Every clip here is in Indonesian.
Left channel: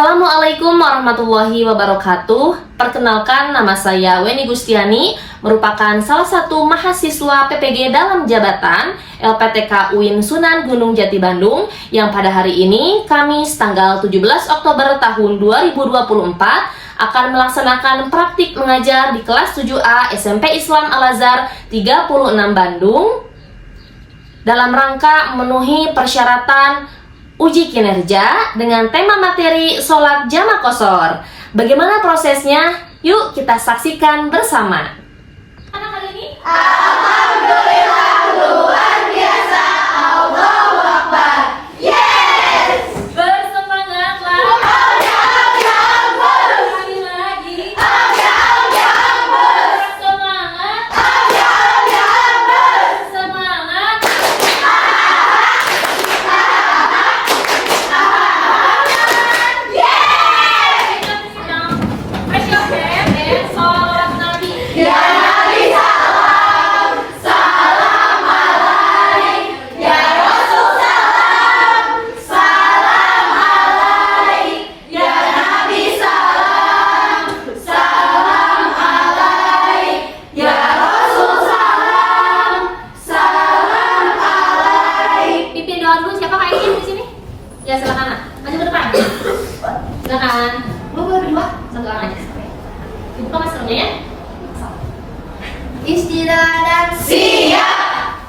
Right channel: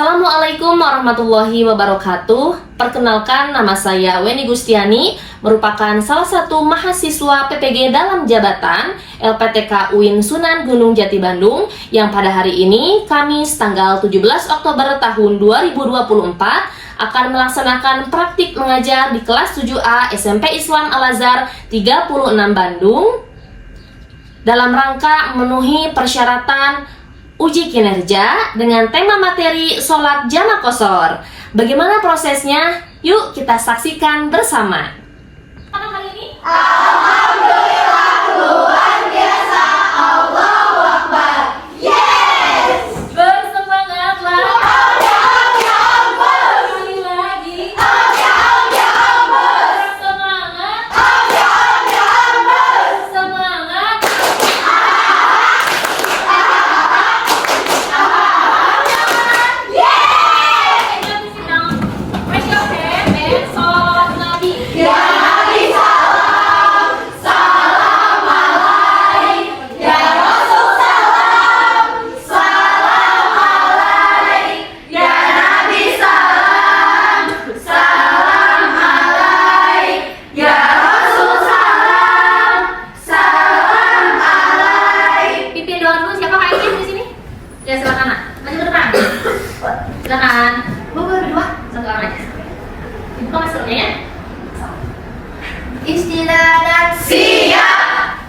Assalamualaikum warahmatullahi wabarakatuh. Perkenalkan, nama saya Weni Gustiani, merupakan salah satu mahasiswa PPG dalam jabatan LPTK UIN Sunan Gunung Jati Bandung yang pada hari ini, Kamis tanggal 17 Oktober tahun 2024 akan melaksanakan praktik mengajar di kelas 7A SMP Islam Al-Azhar 36 Bandung dalam rangka memenuhi persyaratan uji kinerja dengan tema materi sholat jamaah qashar. Bagaimana prosesnya? Yuk kita saksikan bersama. Pada hari ini, Alhamdulillah, luar biasa, Allahu Akbar. Yes! bersemangatlah. Sekali lagi. Semangat. Semangat. Raise your hand and sholat Nabi. Ya Nabi salam, salam alaik. Ya Rasul salam, salam alaik. Ya Nabi salam, salam alaik. Ya Rasul salam, salam alaik. Pimpin doa dulu, siapa kak Iin di sini? Ya silakan nak, maju ke depan. Silakan. Lu berdua, satu orang aja. Buka maskernya ya. Istilah dan siap.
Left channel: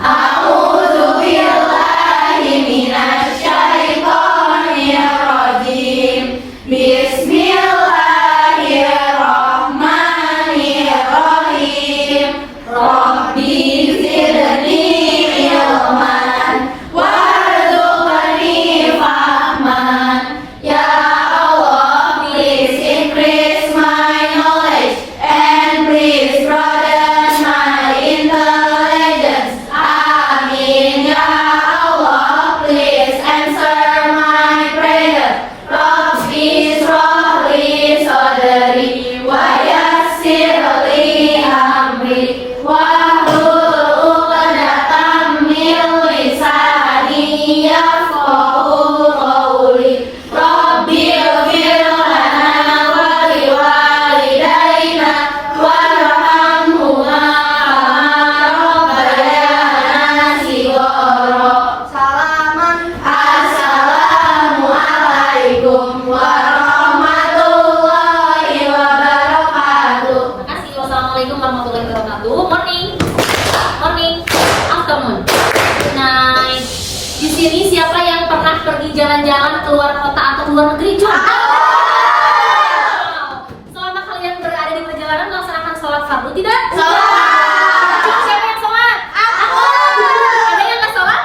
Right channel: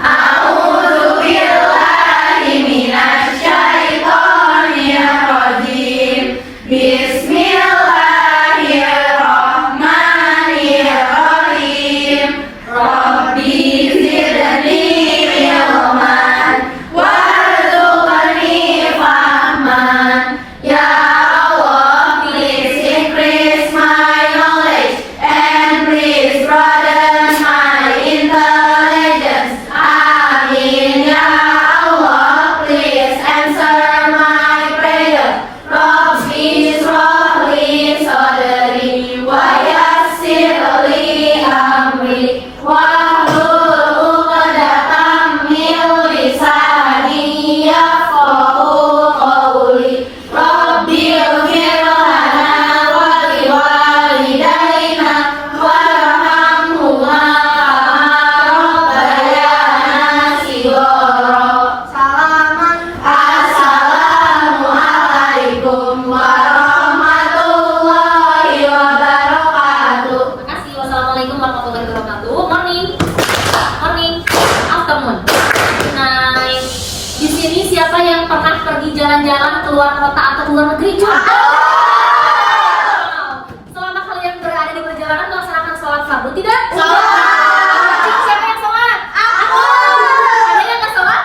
A'udzu billahi minasyaitonir rajim. Bismillahirrahmanirrahim. Rabbi zidni ilman warzuqni fahman. Ya Allah, please increase my knowledge and please broaden my intelligence. Amin. Ya Allah, please answer my prayer. Rabbi shrah li sadri wa yassir li amri wahlul 'uqdatam min lisani yafqahu qawli. Rabbi ighfir lana wa liwalidayna warhamhuma rabbayana shighara. Assalamualaikum warahmatullahi wabarakatuh. Terima kasih. Wassalamualaikum warahmatullahi wabarakatuh. Morning. Morning. Afternoon. Good night. Di sini siapa yang pernah pergi jalan-jalan ke luar kota atau ke luar negeri? Coba. Wow. Selama kalian berada di perjalanan melaksanakan sholat fardu tidak? Siapa yang sholat? Aku. Ada yang nggak sholat?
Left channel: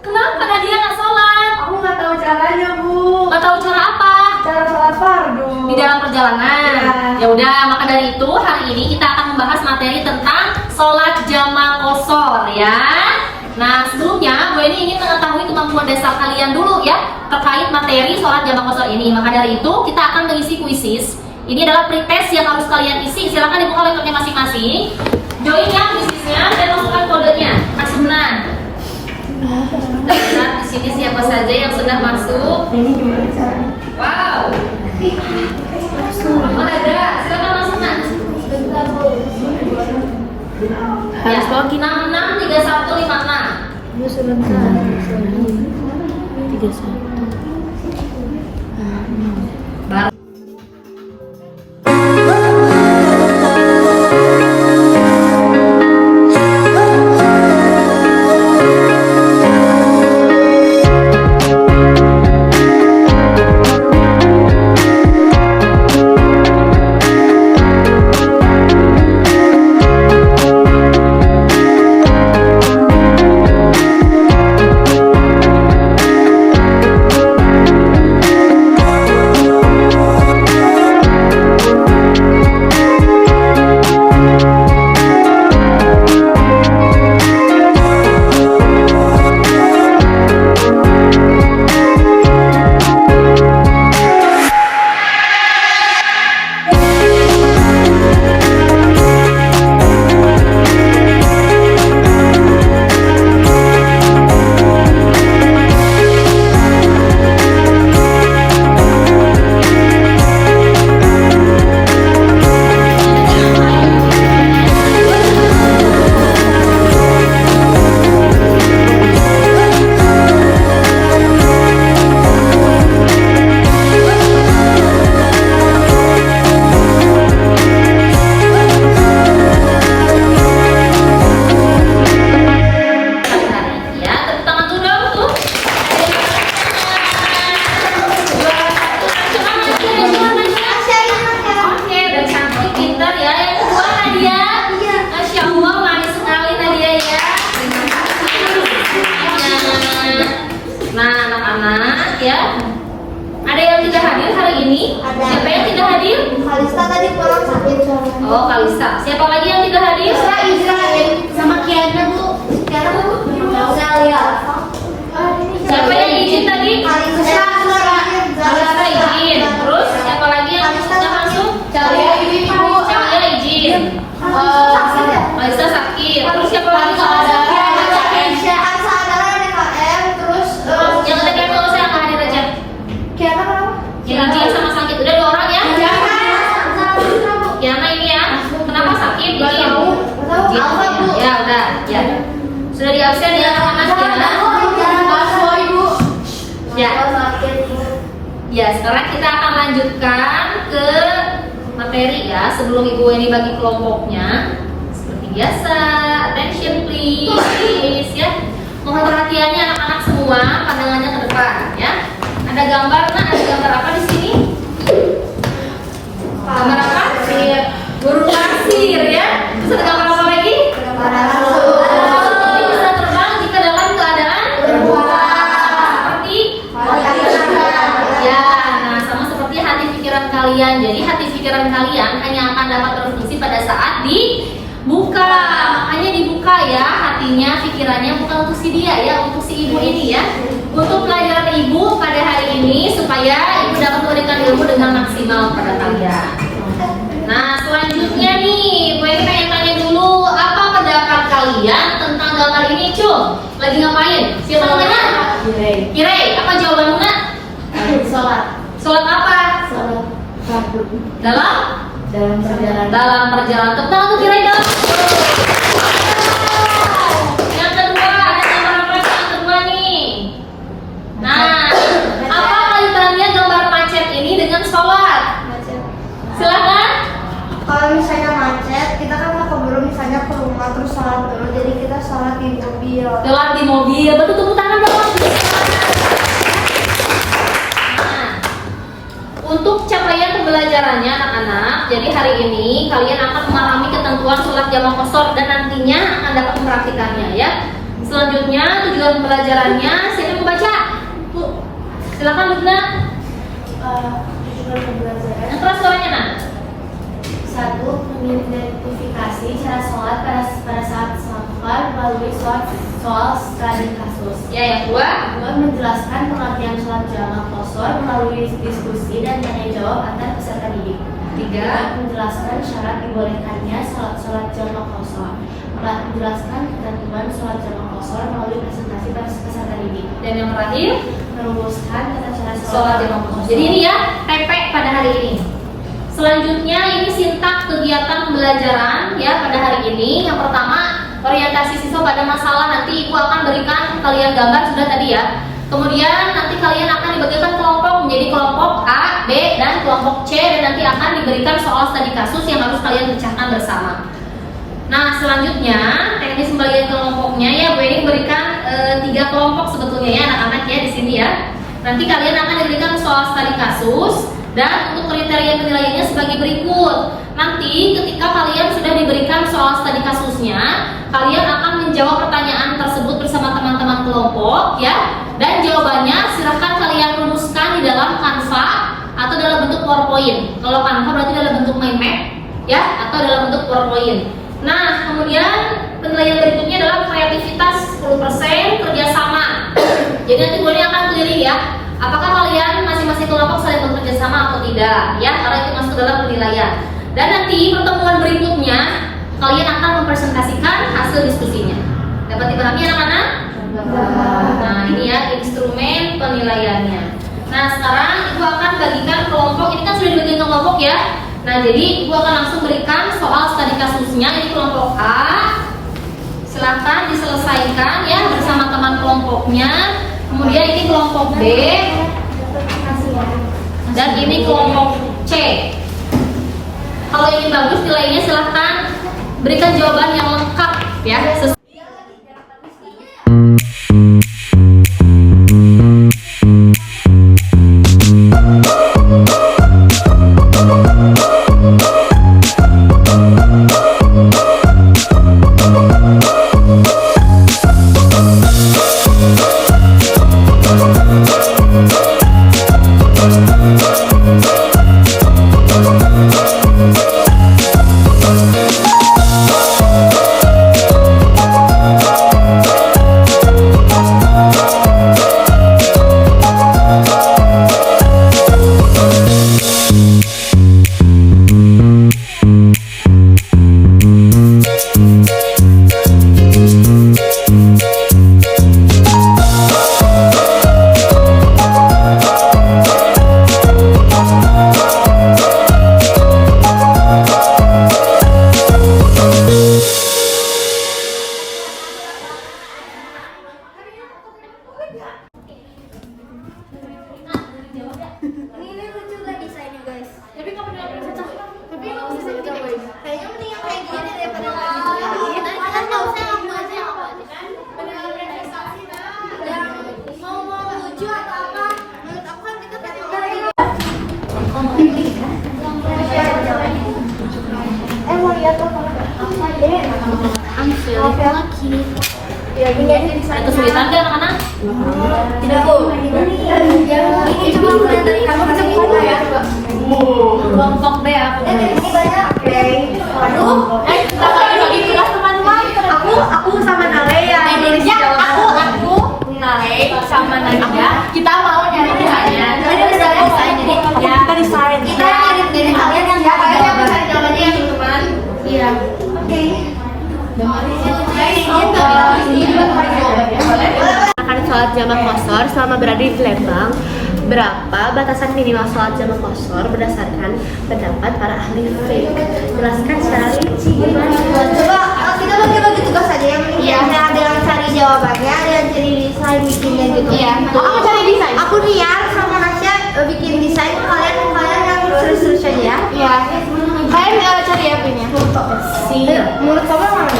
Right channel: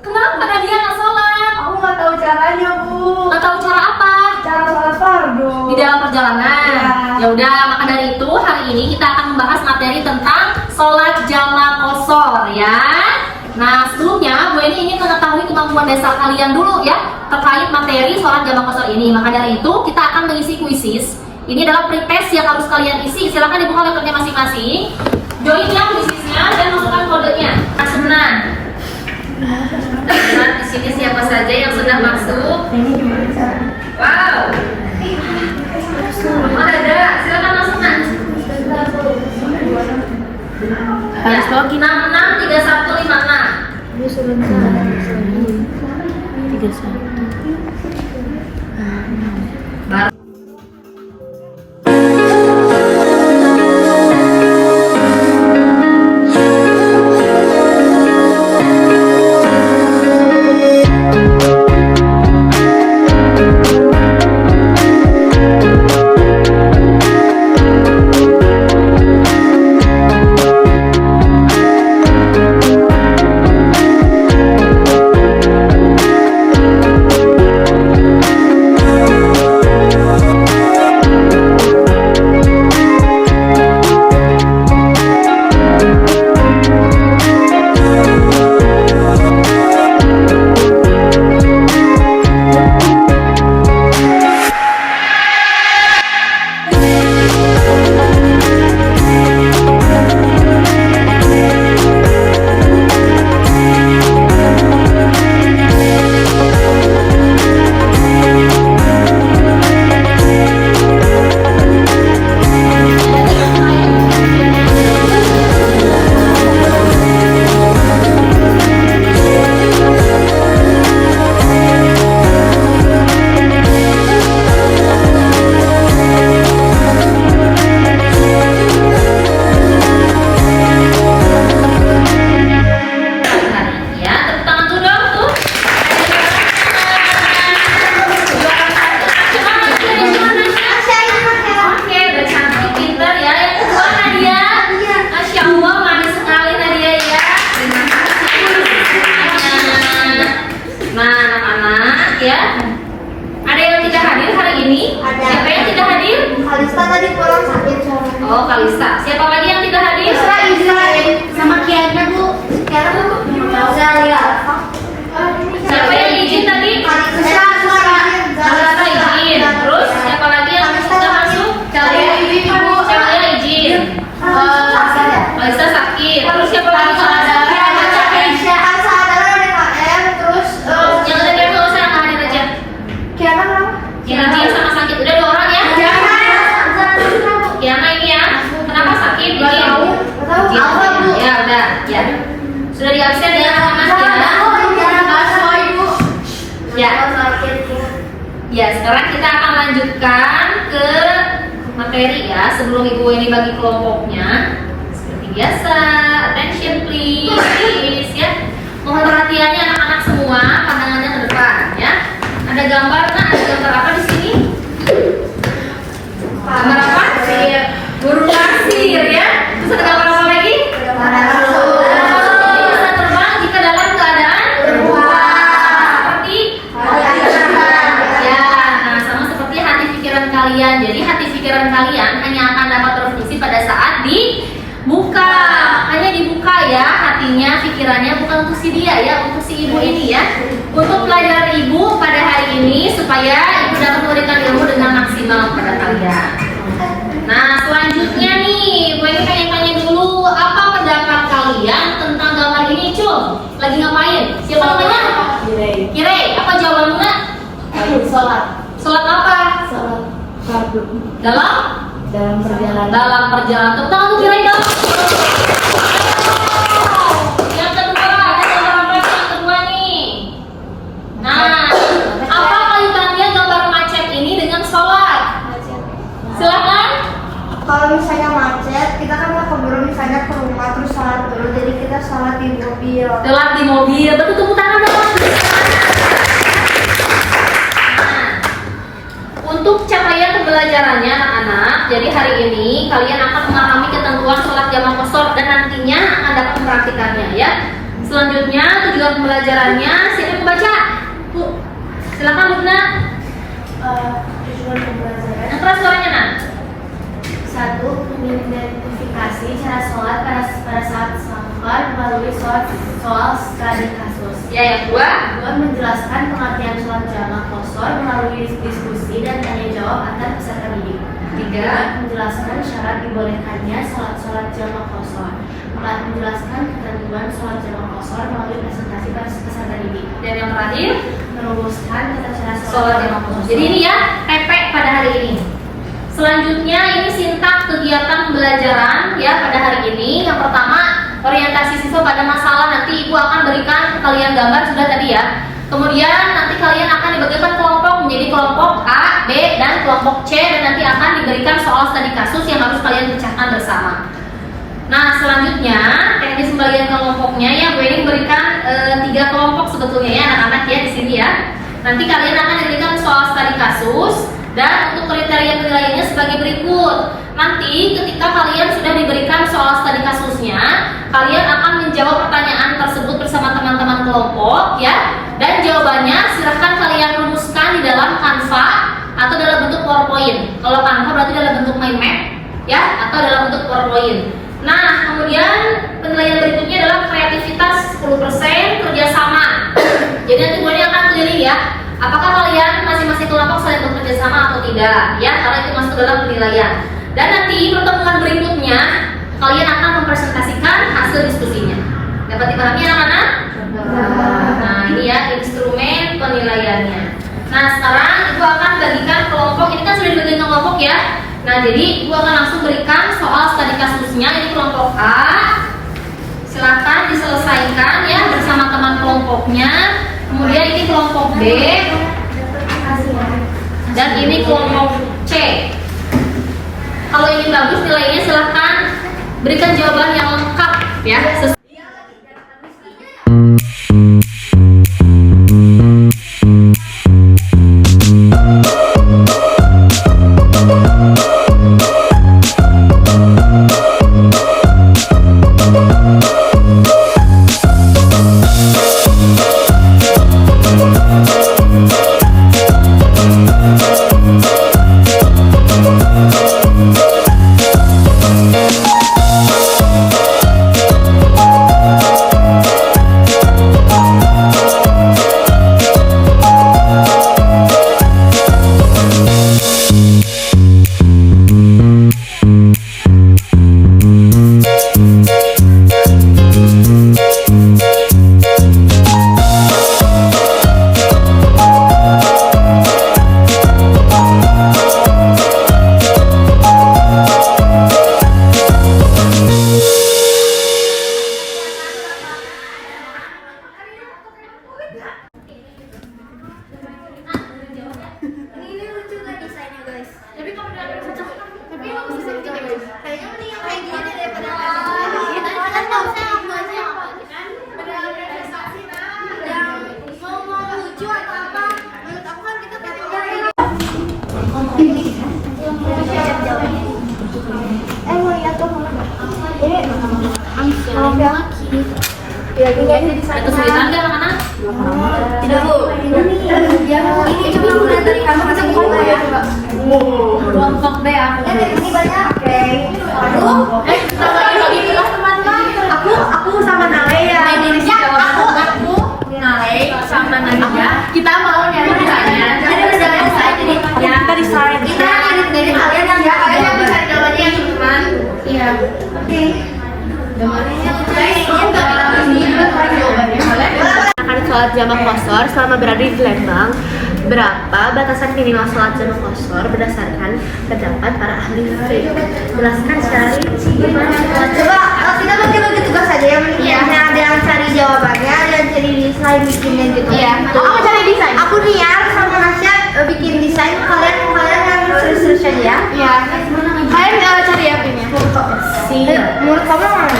Kenapa Nadia nggak sholat? Aku nggak tahu caranya, Bu. Nggak tahu cara apa? Cara sholat fardu. Di dalam perjalanan. Ya. Ya udah, maka dari itu hari ini kita akan membahas materi tentang sholat jamaah qashar ya. Nah, sebelumnya Bu Eni ingin mengetahui kemampuan dasar kalian dulu ya terkait materi sholat jamaah qashar ini. Maka dari itu kita akan mengisi kuisis. Ini adalah pretest yang harus kalian isi. Silakan dibuka laptopnya masing-masing. Join ya kuisisnya dan masukkan kodenya. Asumnan. Lihat di sini siapa saja yang sudah masuk. Wow. Oh, ada. Silakan masuk Nak. Harus Ya, 663156. Baru. ya. Ada yang tidak hadir hari ini? Ada. Siapa yang tidak hadir? Kalista tadi pulang sakit soalnya. Oh, Kalista. Siapa lagi yang tidak hadir? Israel sama Kiana Bu. Kiana Bu. Saya. Siapa yang izin tadi? Kalista suara. Kalista izin. Terus siapa lagi yang tidak masuk? Saya izin Bu. Siapa yang izin? Kalista sakit. Terus siapa lagi yang ada? Yang tadi yang nggak usah yang hadir aja. Kiana sama sakit. Udah 2 orang ya? Kiana ini ya. Kenapa sakit? Izin. Ya udah. Ya. Sudah di absen ya Mas Kiana? Ya. Ya, sekarang kita akan lanjutkan ke materi ya. Sebelum Ibu ini bagi kelompoknya, seperti biasa, attention please ya. Mohon perhatiannya anak-anak semua, pandangannya ke depan ya. Ada gambar, ada gambar apa di sini? Gambar apa? Burung pasir ya. Terus ada gambar apa lagi? Bisa terbang jika dalam keadaan seperti ya, nah sama seperti hati pikiran kalian. Jadi hati pikiran kalian hanya akan dapat berfungsi pada saat dibuka. Hanya dibuka ya hatinya, pikirannya, bukan untuk si dia ya, untuk si ibu ini ya. Untuk pelajaran ibu pada hari ini supaya ibu dapat memberikan ilmu dengan maksimal kepada kalian. Nah selanjutnya nih, gue ingin tanya-tanya dulu, apa pendapat kalian tentang gambar ini, Cum? Lagi ngapain? Siapa namanya? Kirei. Apa jawaban Luna? Sholat. Sholat apa? Sholat fardu. Dalam perjalanan. dalam perjalanan. Tepuk tangan untuk Kirei dong. Yang kedua, ada gambar apa sih yang kedua nih? Nah, apa kaitannya gambar macet ini dengan sholat? Silakan. Kalau misalnya macet, kita kan nggak keburu misalnya ke rumah terus sholat dulu, jadi kita sholat di mobil. Telat di mobil, betul, tepuk tangan dong. Nah, untuk capaian pembelajarannya anak-anak, jadi hari ini kalian akan memahami ketentuan sholat jamaah qashar dan nantinya akan dapat mempraktikannya ya. Selanjutnya tujuan pembelajarannya, siapa yang membaca? Bu, silakan Luna. Tujuan pembelajaran. Yang keras suaranya nak. 1. Mengidentifikasi cara sholat pada saat sholat melalui soal studi kasus. Ya, yang kedua. 2. Menjelaskan pengertian sholat jamaah qashar melalui diskusi dan tanya jawab antar peserta didik. 3. Menjelaskan syarat dibolehkannya sholat jamaah qashar. 4. Menjelaskan ketentuan sholat jamaah qashar melalui presentasi pada peserta didik. Dan yang terakhir, Merumuskan tata cara sholat jamaah qashar. Jadi ini ya, PP pada hari ini. Selanjutnya ini sintak kegiatan pembelajaran ya pada hari ini. Yang pertama, orientasi siswa pada masalah. Nanti Ibu akan berikan kalian gambar sudah tadi ya. Kemudian nanti kalian akan dibagikan kelompok menjadi kelompok A, B, dan kelompok C, dan nanti akan diberikan soal studi kasus yang harus kalian pecahkan bersama. Nah selanjutnya teknis pembagian kelompoknya ya, Bu ini memberikan 3 kelompok sebetulnya ya anak-anak ya di sini ya. Nanti kalian akan diberikan soal studi kasus. Dan untuk kriteria penilaiannya sebagai berikut. Nanti ketika kalian sudah diberikan soal studi kasusnya, kalian akan menjawab pertanyaan tersebut bersama teman-teman kelompok ya. Dan jawabannya silahkan kalian rumuskan di dalam Canva atau dalam bentuk PowerPoint. Kalau Canva berarti dalam bentuk mind map ya, atau dalam bentuk PowerPoint. Nah kemudian penilaian berikutnya adalah kreativitas 10%, kerjasama. Jadi nanti gue akan pilih ya, apakah kalian masing-masing kelompok saling bekerja sama atau tidak ya, karena itu masuk dalam penilaian. Dan nanti pertemuan berikutnya kalian akan mempresentasikan hasil diskusinya. Dapat dipahami anak-anak? Nah ini ya instrumen penilaiannya. Nah sekarang Ibu akan bagikan kelompok. Ini kan sudah dibagikan kelompok ya. Nah jadi Ibu akan langsung berikan soal studi kasusnya. Ini kelompok A. Silahkan diselesaikan ya bersama teman kelompoknya. Kemudian ini kelompok B. Dan ini kelompok C. Kalau ingin bagus nilainya silahkan berikan jawaban yang lengkap ya. We'll be right back. Ini lucu gak desainnya guys? Tapi kamu udah cocok. Tapi yang bisa kita guys. Kayaknya mending yang kayak gini daripada kita kan nggak usah yang apa aja kan? Yang mau lucu atau apa? Menurut aku kan kita tadi mau lihat tuh. Ini maaf ya. Ya ini Kesulitan kan anak-anak? tidak bu. Ini cuma udah dari kamu ya. Kelompok B aku. Dari sini banyak. Aku sama Nale ya. Indonesia aku Nale sama Nadia. Kita mau nyari desainnya. Jadi kita desain. Kita edit dari kalian yang cari gambarnya yang teman. Iya. Oke. Akan sholat jamak qashar selama berada di Lembang. Berapa batasan minimal sholat jamak qashar berdasarkan pendapat para ahli fikih? Jelaskan secara rinci gimana sholat. Coba kita bagi-bagi tugas saja yang ada yang cari jawabannya, ada yang cari desain bikinnya gitu. Iya. Aku cari desain. Aku Rian sama Nasya bikin desain. Kalian yang serius-serius aja ya. Iya. Kalian cari apa ini? Foto. Menurut kamu mana?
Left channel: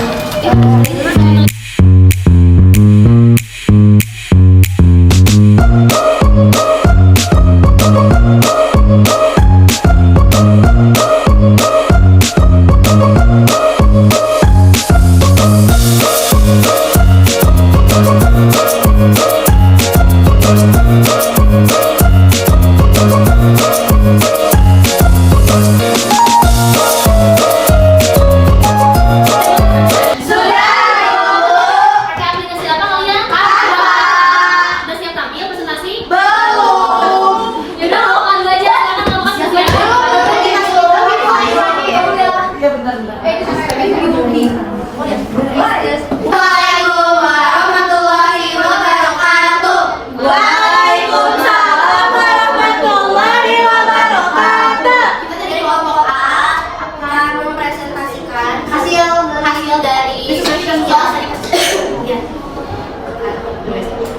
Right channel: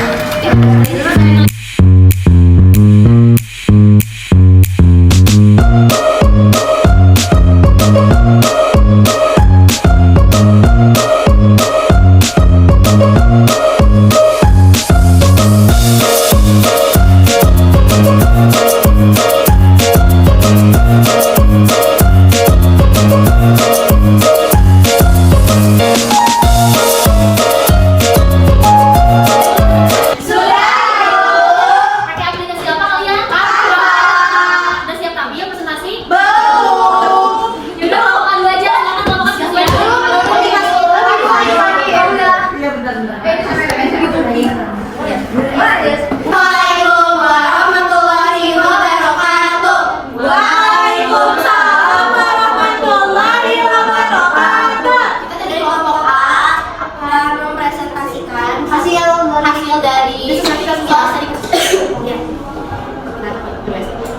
Hasil dari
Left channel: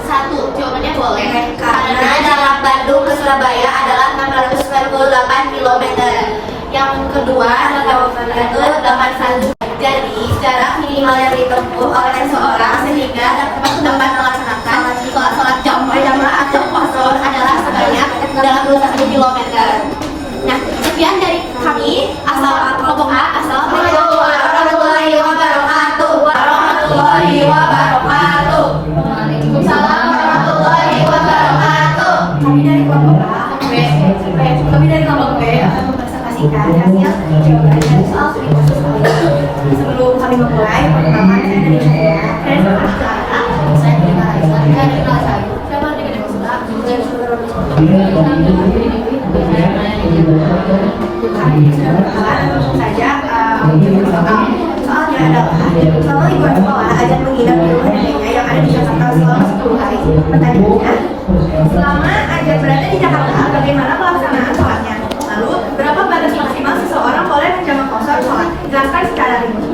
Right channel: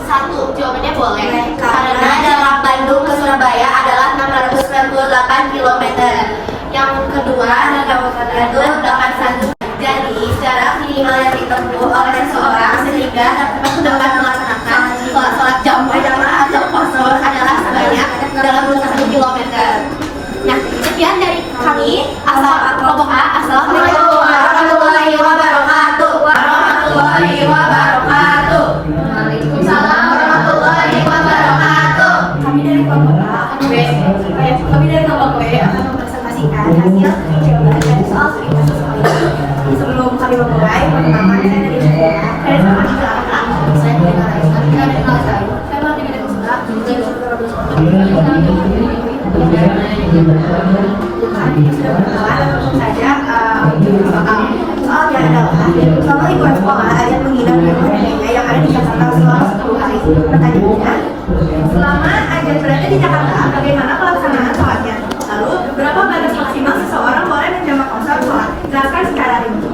satu, jawabannya boleh karena jarak Bandung ke Surabaya adalah 698 km. Yang kedua, jawabannya 81. Jadi jarak minimal yang ditempuh oleh seseorang sehingga dapat melaksanakan sholat jamaah atau qashar adalah sebanyak dalam 21 km. Nah, sekian dari kami. Kelompok A. Assalamualaikum warahmatullahi wabarakatuh. Warahmatullahi wabarakatuh. Waalaikumsalam warahmatullahi wabarakatuh. Kami dari kelompok A. Kami dari kelompok B akan mempresentasikan hasil jawaban dari soal studi kasus. Sebelum kami memulai, pertama saya saja soalnya adalah kalau ibu sekolah ajak menginap di rumah neneknya yang ada di Jakarta selama 10 hari. Pertanyaannya, selama ajak berada di Jakarta, bagaimana pelaksanaan sholatnya? Lalu, berapa batas maksimal seseorang boleh menjamak qashar sholat? Jelaskan secara rinci.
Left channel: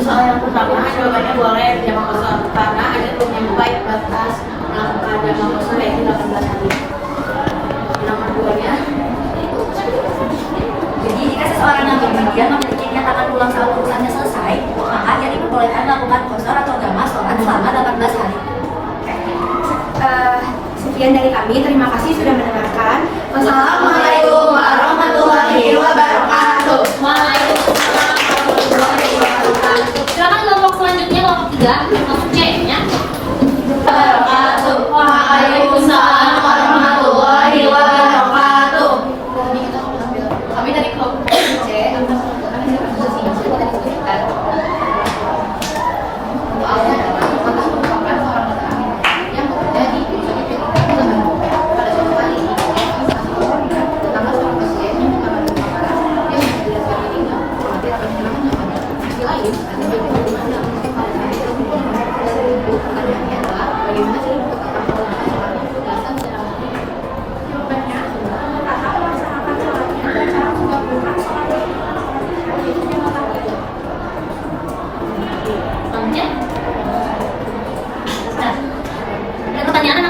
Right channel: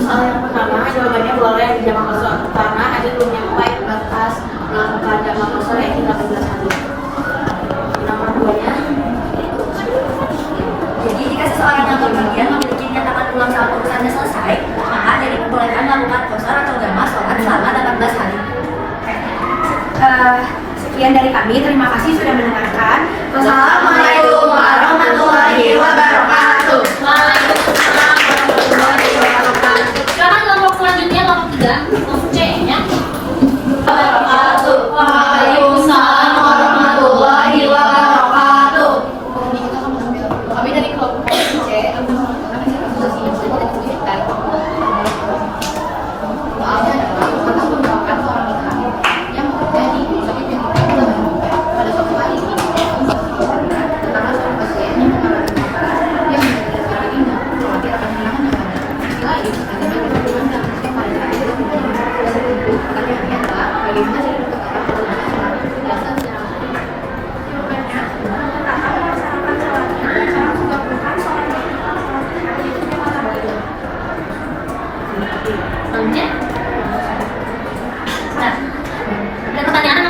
Soal yang pertama, jawabannya boleh jamak qashar karena ajak menyampai batas melakukan jamak qashar yaitu 18 hari. Yang keduanya, Jadi jika seseorang yang bepergian memiliki nyatakan pulang saat urusannya selesai, maka jadi diperbolehkan melakukan qashar atau jamak sholat selama 18 hari. Sekian dari kami, terima kasih sudah mendengarkan. Wassalamualaikum warahmatullahi wabarakatuh. Waalaikumsalam warahmatullahi wabarakatuh. Sekarang kelompok selanjutnya kelompok 3, kelompok C ya. Waalaikumsalam warahmatullahi wabarakatuh. kami dari kelompok C yang terjadi pada suatu hari ini tanggal 18 yang berdasarkan ini selain Nah, ada pertanyaan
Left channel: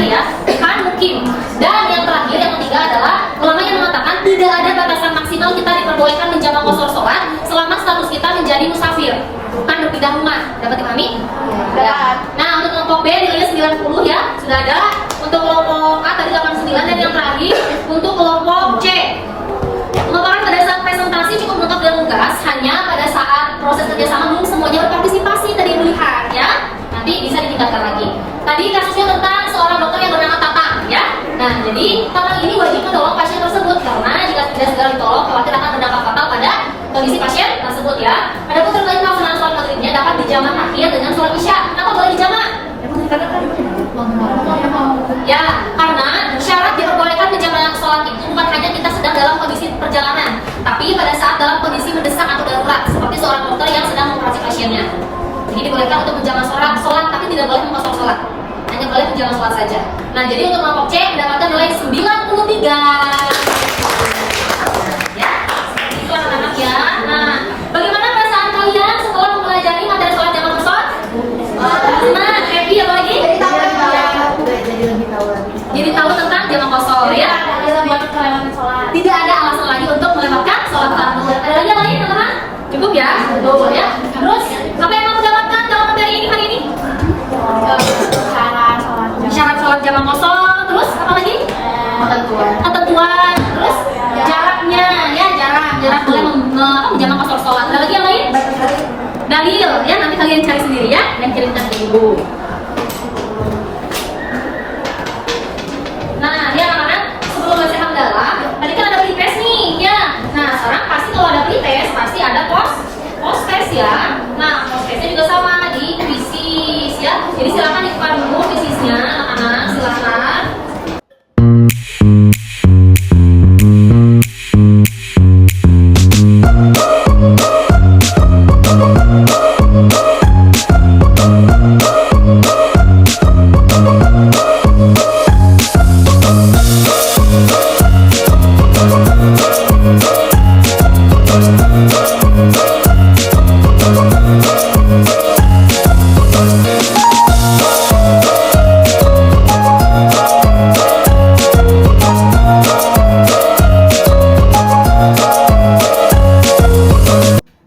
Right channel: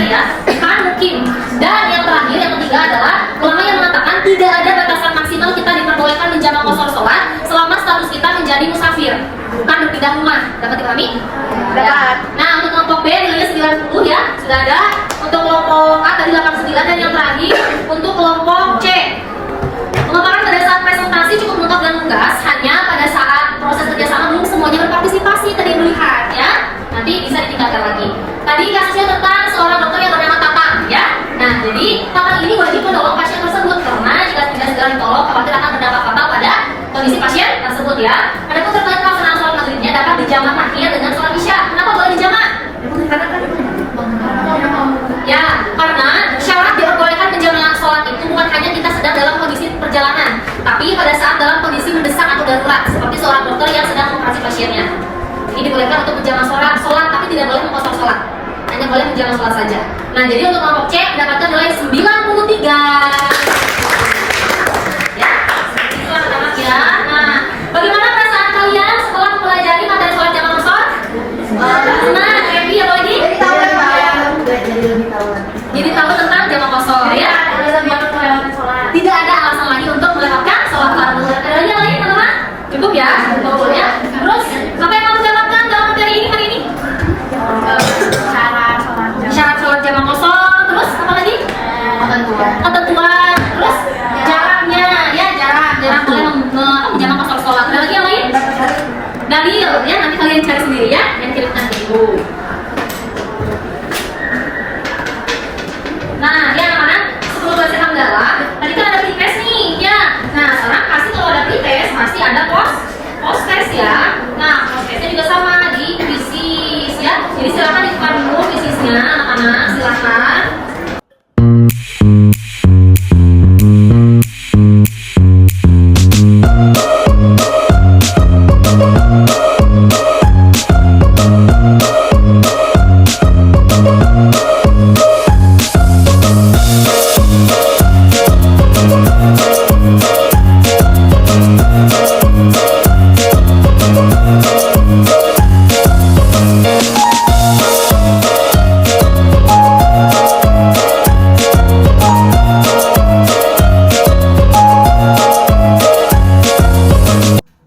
mungkin ya, bukan mungkin. Dan yang terakhir, yang ketiga adalah ulama yang mengatakan tidak ada batasan maksimal kita diperbolehkan menjamak qasar sholat selama status kita menjadi musafir, bukan berpindah rumah. Dapat dipahami? Dapat. Nah, untuk kelompok B nilainya 90 ya, sudah ada. Untuk kelompok A tadi 89, dan yang terakhir untuk kelompok C. Pemaparan pada saat presentasi cukup lengkap dan lugas, hanya pada saat proses kerjasama belum semuanya berpartisipasi tadi melihat ya. Nanti bisa ditingkatkan lagi. Tadi kasusnya tentang seorang dokter yang bernama Tatang ya. Nah, jadi Tatang ini wajib menolong pasien tersebut karena jika tidak segera ditolong, khawatir akan berdampak fatal pada kondisi pasien tersebut ya. Adapun terkait pelaksanaan sholat maghribnya dapat dijamak akhir dengan sholat isya. Kenapa boleh dijamak? Ya, karena syarat diperbolehkan menjamak sholat itu bukan hanya kita sedang dalam kondisi perjalanan, tapi pada saat dalam kondisi mendesak atau darurat, seperti seorang dokter yang sedang mengoperasi pasiennya. Jadi dibolehkan untuk menjamak sholat, tapi tidak boleh mengkosor sholat. Hanya boleh menjamak sholat saja. Nah, jadi untuk kelompok C mendapatkan nilai 93. Ya, itulah anak ya. Nah, bagaimana perasaan kalian setelah mempelajari materi sholat jamak qasar? Nah, happy apa lagi? Jadi tahu tentang jamak qasar ya. Tidak ada alasan lagi untuk melewatkan sholat fardu. Ada lagi yang lain teman-teman? Cukup ya? Cukup ya. Terus apa yang mau mendapatkan dalam materi ini hari ini? Syarat sholat jamak qasar. Terus apa lagi? Ketentuan. Terus jaraknya ya, jarak kalian menjamak qasar sholat. Ada lagi yang lain? Dalil ya, nanti kalian cari sendiri ya, yang cerita ke ibu. Nah, ya anak-anak, sebelum baca hamdalah, tadi kan ada pre-test nih, ya. Nah, sekarang pasti kalau ada pre-test, pasti ada post-test ya. Nah, post-testnya juga sama di kuisis ya. Jadi silakan dibuka dulu kuisisnya, anak-anak, silakan.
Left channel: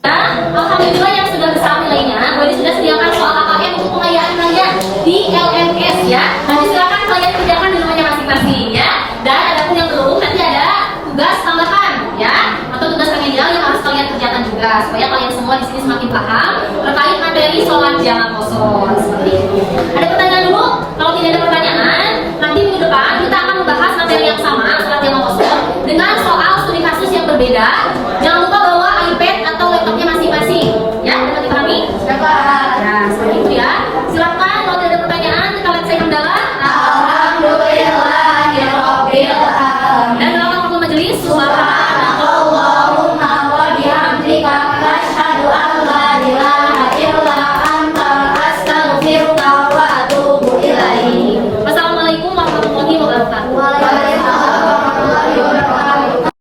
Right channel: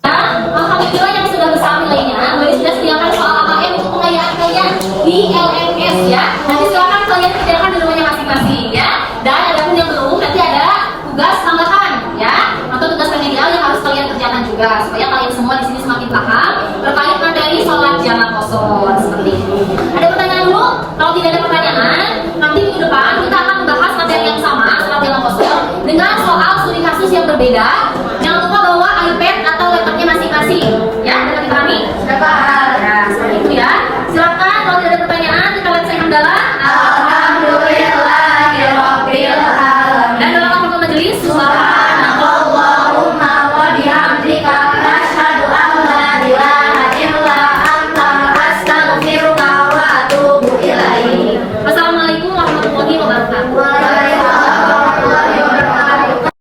Alhamdulillah yang sudah bersama nilainya, Wali sudah sediakan soal AKM untuk pengayaan kalian di LMS ya. Nanti silakan kalian kerjakan di